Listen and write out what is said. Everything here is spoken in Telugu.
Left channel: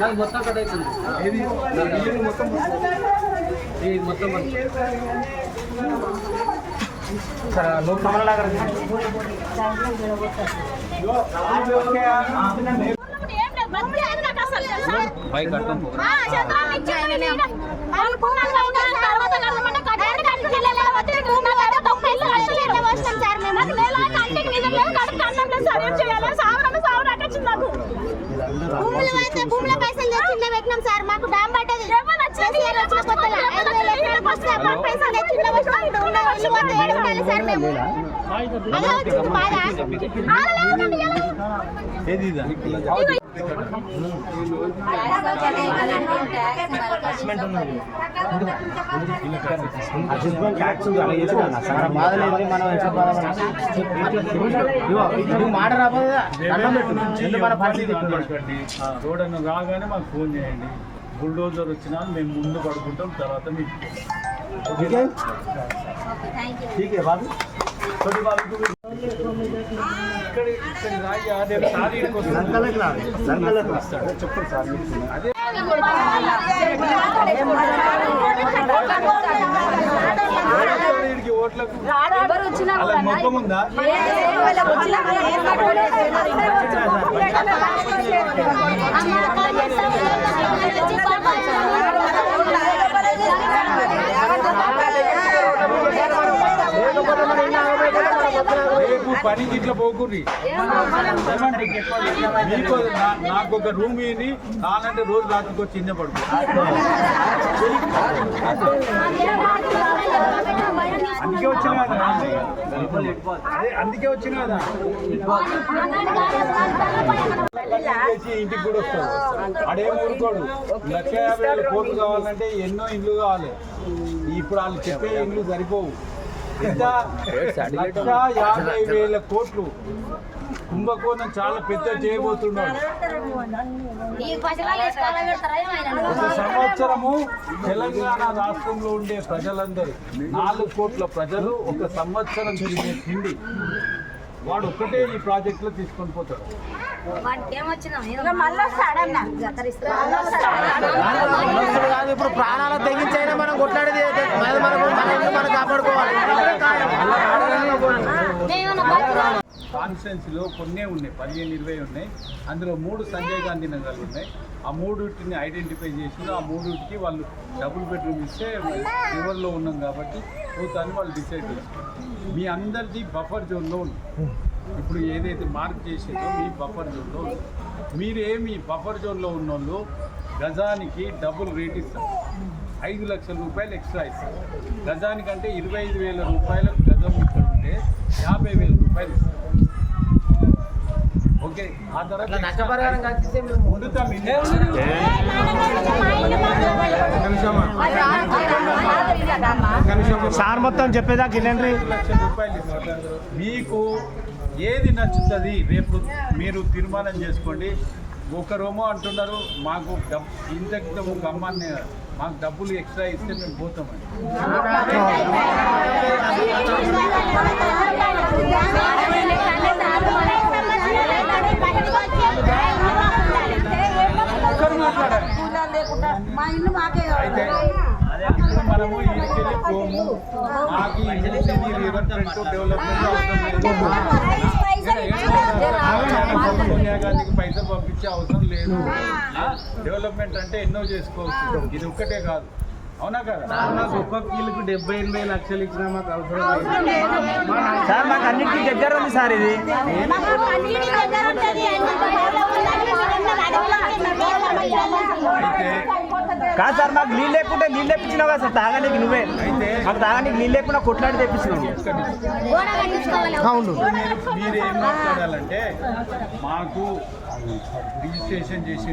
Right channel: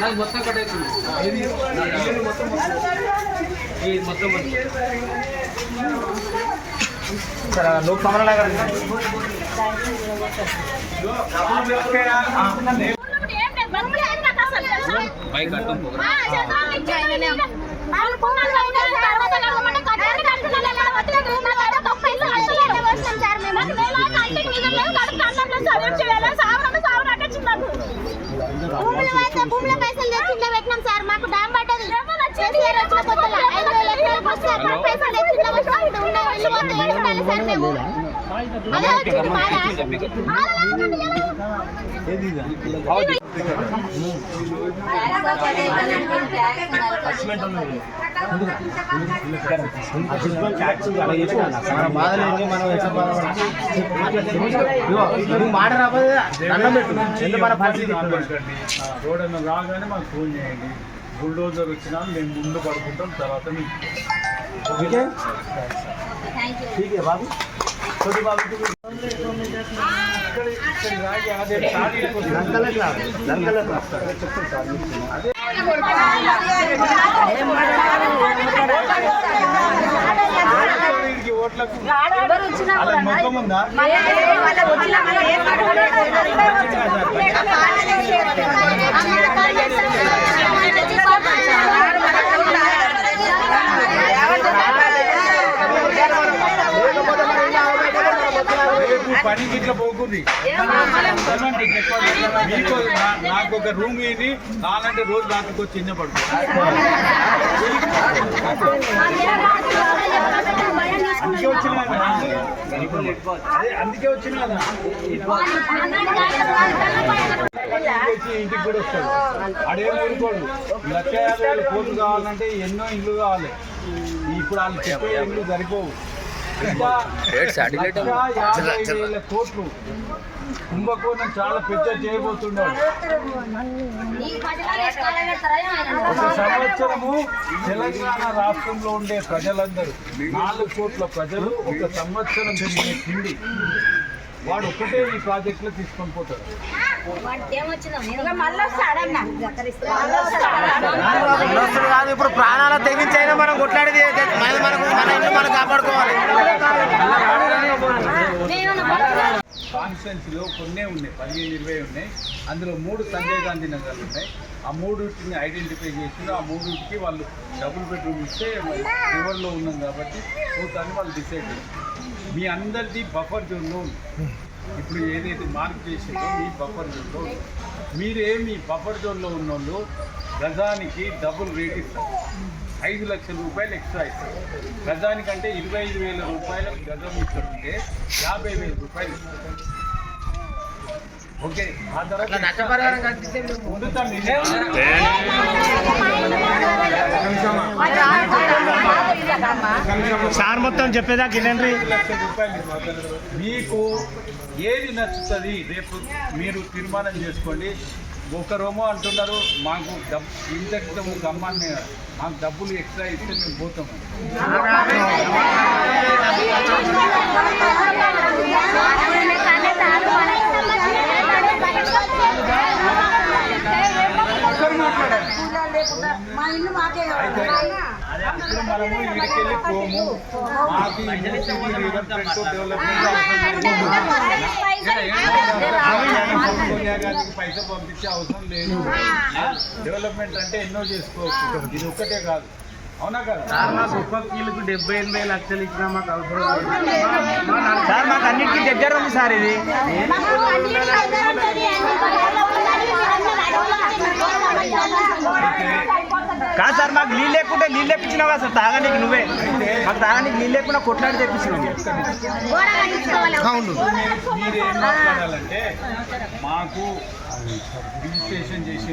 నాకు మొత్తం కట్ అవుతుంది మొత్తం ఈ మొత్తం బైక్ భూమిలో పైసలు తెచ్చిండే పెట్టినాం సార్ మాకు డామ్ పడ్డది కేసీఆర్ వచ్చిన కొత్తలో ఐదు వేల ఎకరాలకు వస్తే అప్పుడు పైసలు తెచ్చిండే పెట్టినాం ఉన్న వాళ్ళు పోతే ఏడుకోవాలి సార్ మేము అదే వచ్చింది బాధ ఆడలేదండి ఎలా? ఏది ఇదా? అసెస్మెంట్ ఉన్నది. అసెస్మెంట్ ట్యాక్స్ అలా చేసుకున్నా. మన బాధలు ఏంటి? మనం ఎంత బాధపడాలి? ఇదిగో, ఇది మాట రాబోదు దండం పెట్టు. ఎందుకు మన పార్టీ పెట్టండి రోడ్ అన్న రాగానే మాకు ఫోన్ చేయండి బుల్డోజర్ వచ్చినా మేము ముందు పడుకుంటాం తర్వాత మీకు ఓకే ठीक है बाबू छोटी बाबू को చెప్పండి సార్ అదే ఓట్లకు మొత్తం ఉందా పని ఇట్లా పోకుంది మీకు నాకు ఒక రూమ్ ఇని నాలంటే రోజు రాత్రికి వచ్చి చిన్న పడుకో. అందుకే వచ్చినా అందుకే ఇంటికి కూడా వస్తాడు. అడేం ఊరుకోడు. లక్ష యాభై వేల కోట్లు కావాలంటే ఎన్నో ఇల్లు కావాలి. ఇప్పుడు వాళ్ళు చెప్పే ఇల్లు సరిపోవు. యాభై వేల కోట్లు. కుంభకోణం చాలా పెద్ద చేయబోతున్నాడు. ఒక సంవత్సరము తెలంగాణ రాష్ట్రంలో ఉండే ప్రజలందరూ నాలుగు కోట్ల ప్రజలు ఒక సంవత్సరం తిరిగే తిండి. వాడు ఒక్కటే ఈ ప్రాజెక్ట్లో తీసుకొని పోతాడు. అన్నొస్తుడు కాదు ఇప్పుడు ప్రాణాల తెగించైనా మనం కొట్లాడేది మనది మనకు మన ఇల్లు మనం కాపాడుకోవాలి. కాన్స్టిట్యున్సీలో కొన్నే ఉన్నాయి పదిహేను ఇరవై ఉన్నాయి. అందులో మూడు సంజయ్ గాంధీ నగర్లు ఉన్నాయి. ఆ మూడుటిని ఐడెంటిఫై చేసి ఆ మూడుకి వాళ్ళు డబుల్ బెడ్రూమ్ ఇస్తే రివర్లో ఉన్నాం కాబట్టి పోతాన్ని వాళ్ళు డిసైడ్ చేస్తారు మీ అందరిది బఫర్ జోన్లో ఉంది. ఇప్పుడు ఏదైతే మార్క్ చేసిందో మీ బఫర్ జోన్లో ఉంది. మీరే మీ బఫర్ జోన్లో ఉన్నోళ్ళు గజానికి డబుల్ రేట్ ఇస్తారు. ఐదు లక్షల రూపాయలు ఎక్స్ట్రా ఇస్తారు. గజానికంటే ఇరవై ఐదు వేల రూపాయల గజం ఇస్తుంటే యాభై వేల రూపాయలు ఇస్తారు. ఓకే ఆ తర్వాత. సార్ మొత్తం చెప్పేదాకా ఐదు లక్షల రూపాయలు. మీకు ఏది నచ్చుతుంది రేపు మీరు తీర్మానం చేసుకోండి ఒకరేమో అంటున్నారు మాకు డబ్ ఇంత గమ్మాన్ని మాకు డబ్బులు ఎక్స్ట్రా ఇస్తే మేము పోతామని ఒకరు మాట్లాడాలి మా ఇల్లు మాకే అయితే ఇప్పుడు మనము ఇక్కడికి వెళ్ళి పోము మాకు ఈ మూసీని రివర్ ఫ్రంట్ డెవలప్మెంట్ అవసరం లేదు. సోనియా గాంధీకి పైసలు పంపించే అవసరం లేదు? డెవలప్మెంట్ అంటే ఎన్నో చేసుకోవచ్చు. ఇది ఒక్కటే కాదు. అవునా కదా? ఒక్క కీలుకు డెబ్బై ఎనభై లక్షలు ఇచ్చినా మాకు అవసరం సార్ మాకు అన్నిటికీ దగ్గర ఉంది సార్ ఇది మాకు అన్నిటికీ దగ్గర ఉంటుంది. కాదు సార్ మాకు నీళ్ళు లేకుంటే నీళ్ళు లేపించినావు కదా సార్ తాగడానికి నువ్వే. అయితే మాకు తాగడానికి నీళ్ళు లేకుండా కొట్లాడి తెప్పించినావు. అవును. మీరు మాట్లాడాలంటే మాకు రిజిస్ట్రేషన్ చేసి